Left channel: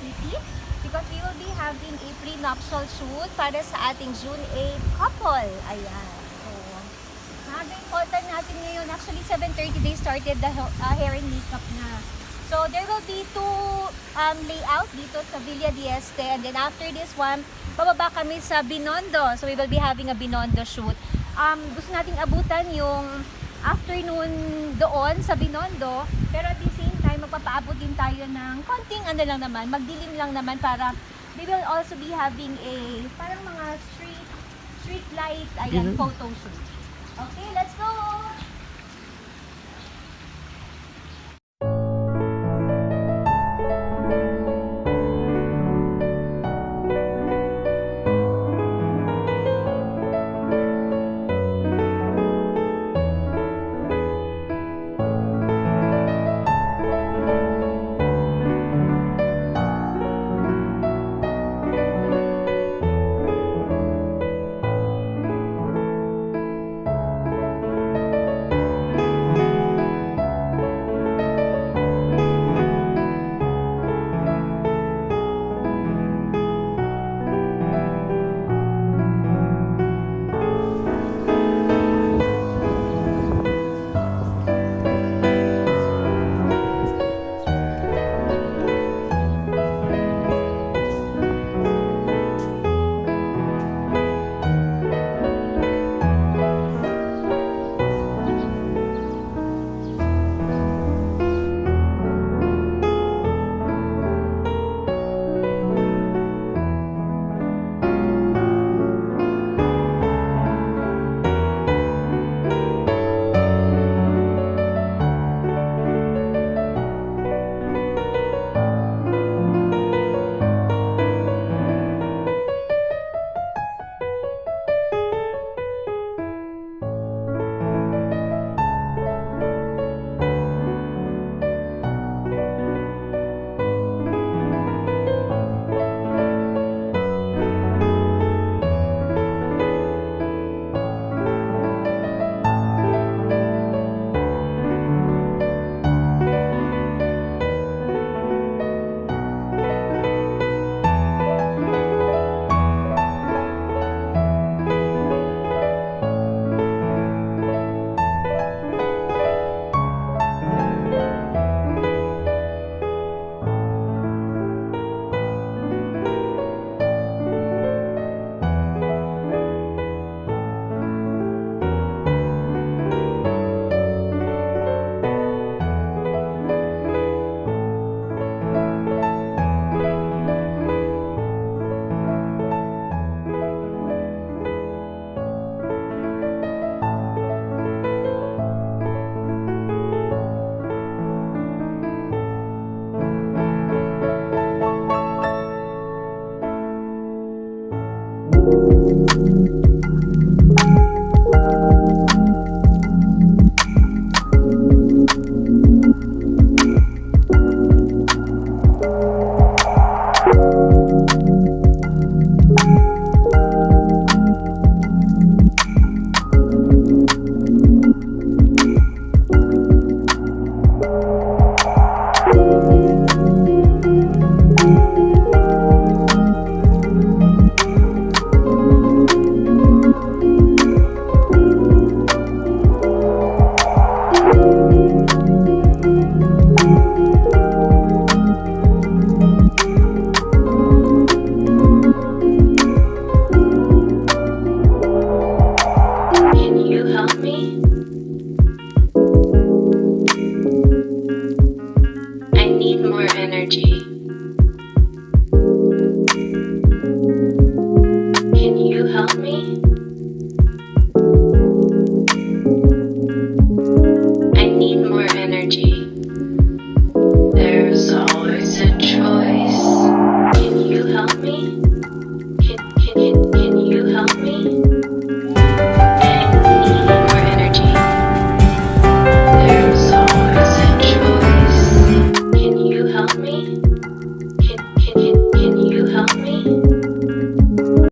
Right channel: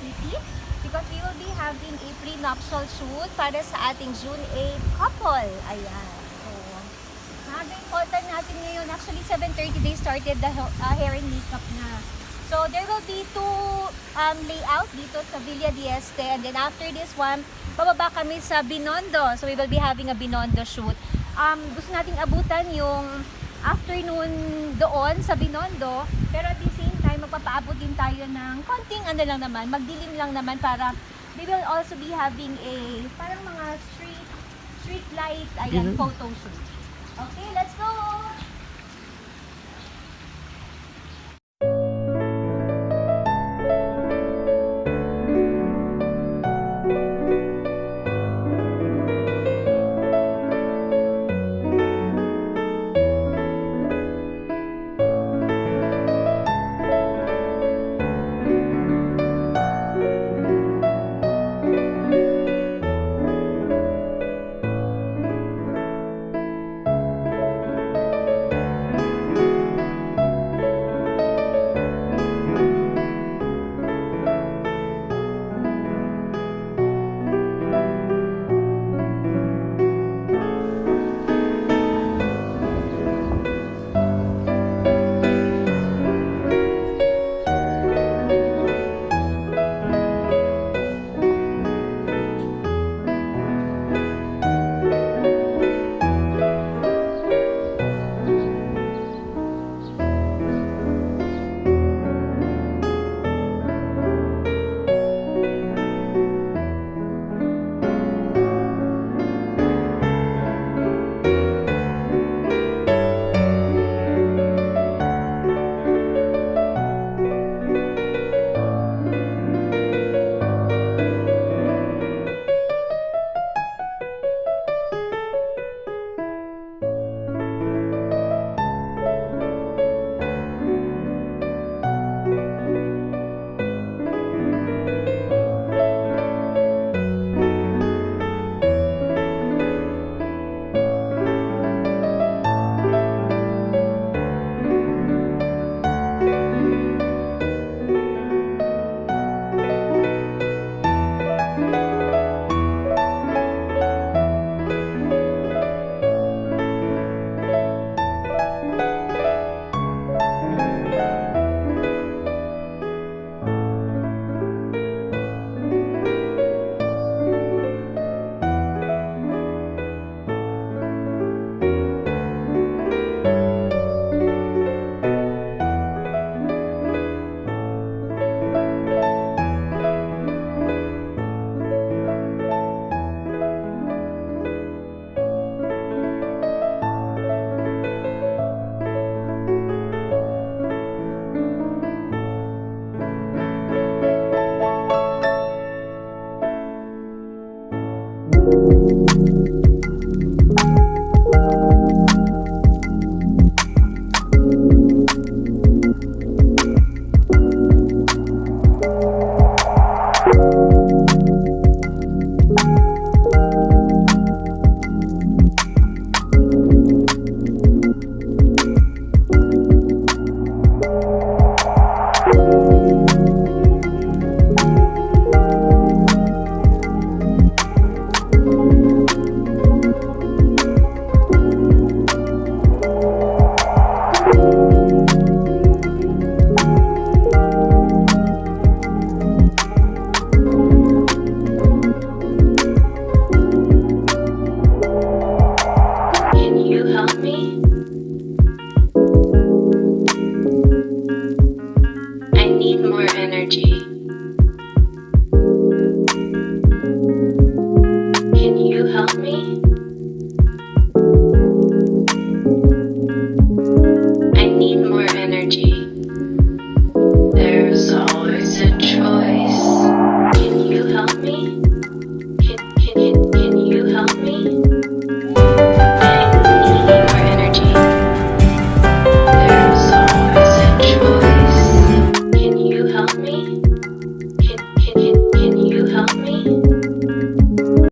City because we will be having a prenuptial shoot para sa ating June 8 couple. Ayan. So, important natin ngayon. Actually, 7:30 they started the hair and makeup na. So, there will be two layout dito sa Villa de Este. And then after this one, bababa kami sa Binondo. So, we will be having a Binondo shoot. Gusto nating abutan yung afternoon doon sa Binondo. Pero at the same time, magpapaabot din tayo ng konting ano lang naman, magdilim lang naman para we will also be having a parang mga street light, ayan, photo shoot. Okay, let's go! There's always a choice. Can you help me?